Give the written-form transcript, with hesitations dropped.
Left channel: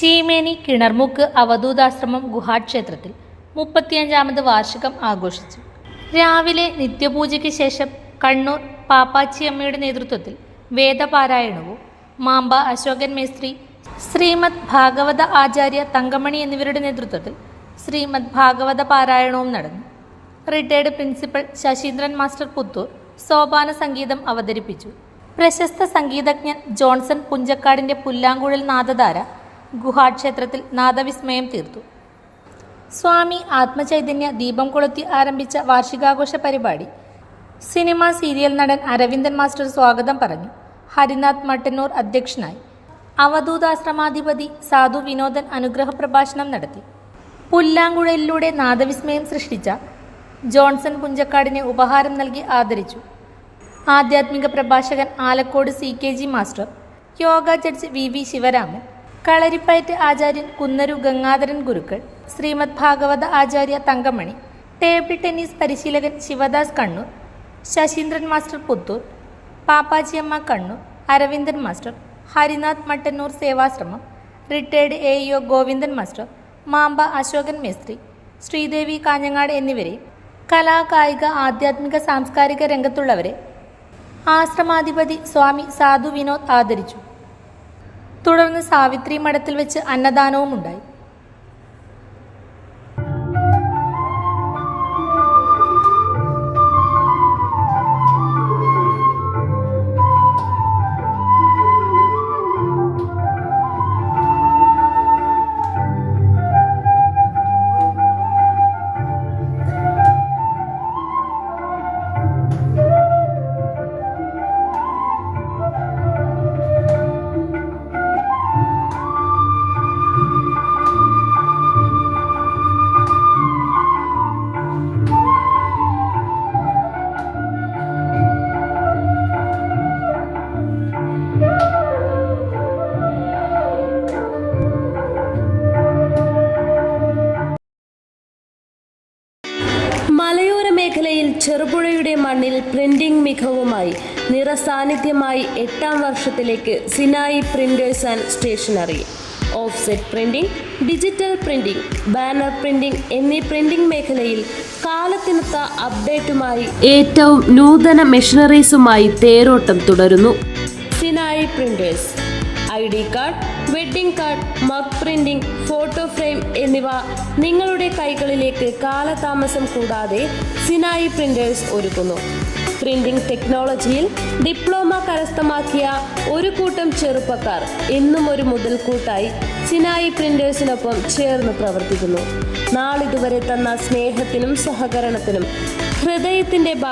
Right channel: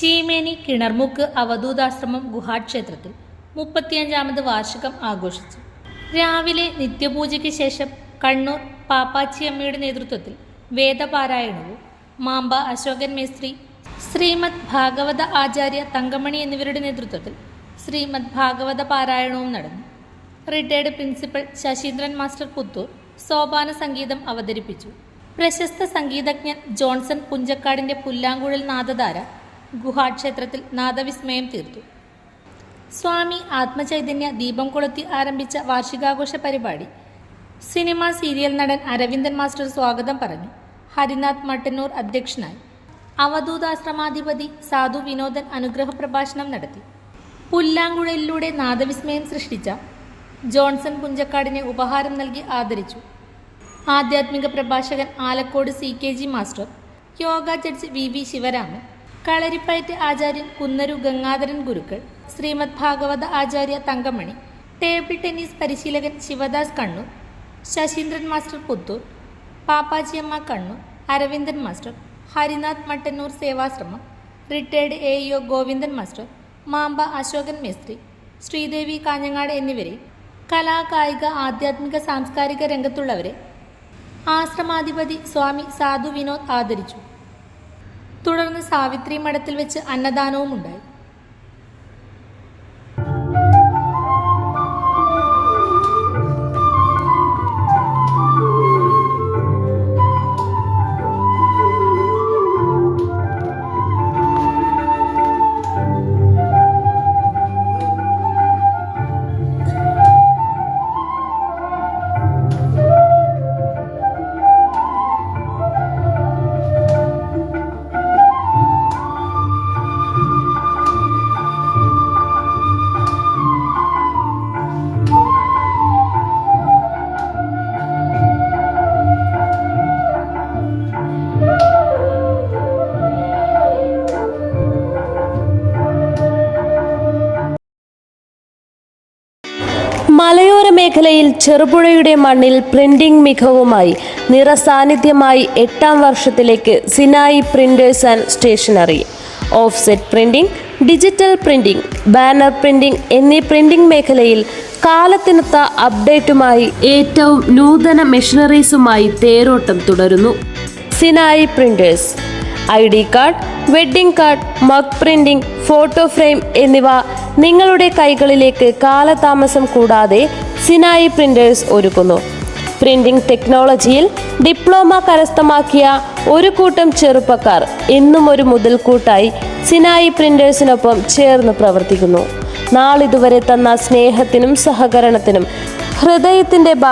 ചീമേനി കിണർമുക്ക് അവധൂതാശ്രമം ഗുഹാക്ഷേത്രത്തിൽ 35ാമത് വാർഷികം ആഘോഷിച്ചു. രാവിലെ നിത്യപൂജയ്ക്ക് ശേഷം കണ്ണൂർ പാപ്പാച്ചിയമ്മയുടെ നേതൃത്വത്തിൽ വേദപാരായണവും മാമ്പ അശോകൻ മേസ്ത്രി, ശ്രീമദ് ഭാഗവത ആചാര്യ തങ്കമണി എന്നിവരുടെ നേതൃത്വത്തിൽ ശ്രീമദ് ഭാഗവത പാരായണവും നടന്നു. Retired principal Sasindran master Puthur സോപാന സംഗീതം അവതരിപ്പിച്ചു. പ്രശസ്ത സംഗീതജ്ഞൻ ജോൺസൺ പുഞ്ചക്കാടിന്റെ പുല്ലാങ്കുഴൽ നാദധാര ഗുഹാക്ഷേത്രത്തിൽ നാദവിസ്മയം തീർത്തു. സ്വാമി ആത്മചൈതന്യ ദീപം കൊളുത്തി ആരംഭിച്ച വാർഷികാഘോഷ പരിപാടി സിനിമ സീരിയൽ നടൻ അരവിന്ദൻ മാസ്റ്റർ സ്വാഗതം പറഞ്ഞു. ഹരിനാഥ് മട്ടന്നൂർ അധ്യക്ഷനായി. അവധൂതാശ്രമാധിപതി സാധു വിനോദൻ അനുഗ്രഹ പ്രഭാഷണം നടത്തി. പുല്ലാങ്കുഴലിലൂടെ നാദവിസ്മയം സൃഷ്ടിച്ച ജോൺസൺ പുഞ്ചക്കാടിനെ ഉപഹാരം നൽകി ആദരിച്ചു. ആധ്യാത്മിക പ്രഭാഷകൻ Alakode CKG master, yoga judge VV Sivaraman, Kalaripayattu ആചാര്യൻ കുന്നരു ഗംഗാധരൻ ഗുരുക്കൾ, ശ്രീമദ് ഭാഗവത ആചാര്യ തങ്കമണി, ടേബിൾ ടെന്നീസ് പരിശീലകൻ Sivadas Kannur, Sasindran master Puthur, Pappachiyamma Kannur, Aravindan master, Harinath Mattannur Sevashramam, retired AEO Govindan master, Mamba Ashokan മേസ്ത്രി, ശ്രീദേവി കാഞ്ഞങ്ങാട് എന്നിവരെയും കലാ കായിക ആധ്യാത്മിക സാംസ്കാരിക രംഗത്തുള്ളവരെ ആശ്രമാധിപതി സ്വാമി സാധു വിനോദ് ആദരിച്ചു. തുടർന്ന് സാവിത്രി മഠത്തിൽ വെച്ച് അന്നദാനവും ഉണ്ടായി. മലയോര മേഖലയിൽ ചെറുപുഴയുടെ മണ്ണിൽ പ്രിന്റിംഗ് മികവുമായി നിറസാന്നിധ്യമായി 8ാം വർഷത്തിലേക്ക് Sinai printers and stationery. Offset printing, digital printing, banner printing എന്നീ പ്രിന്റിംഗ് മേഖലയിൽ കാലത്തിനൊത്ത അപ്ഡേറ്റുമായി ഏറ്റവും നൂതന മെഷീനറീസുമായി തേരോട്ടം തുടരുന്നു. Sinai printers ID card, wedding card, mug printing, photo frame എന്നിവ നിങ്ങളുടെ കൈകളിലേക്ക് കാലതാമസം കൂടാതെ സിനായി പ്രിന്റേഴ്സ് ഒരുക്കുന്നു. പ്രിന്റിംഗ് ടെക്നോളജിയിൽ ഡിപ്ലോമ കരസ്ഥമാക്കിയ ഒരു കൂട്ടം ചെറുപ്പക്കാർ ഇന്നും ഒരു മുതൽക്കൂട്ടായി സിനായി പ്രിന്റേഴ്സിനൊപ്പം ചേർന്ന് പ്രവർത്തിക്കുന്നു. നാളിതുവരെ തന്ന സ്നേഹത്തിനും സഹകരണത്തിനും ഹൃദയത്തിന്റെ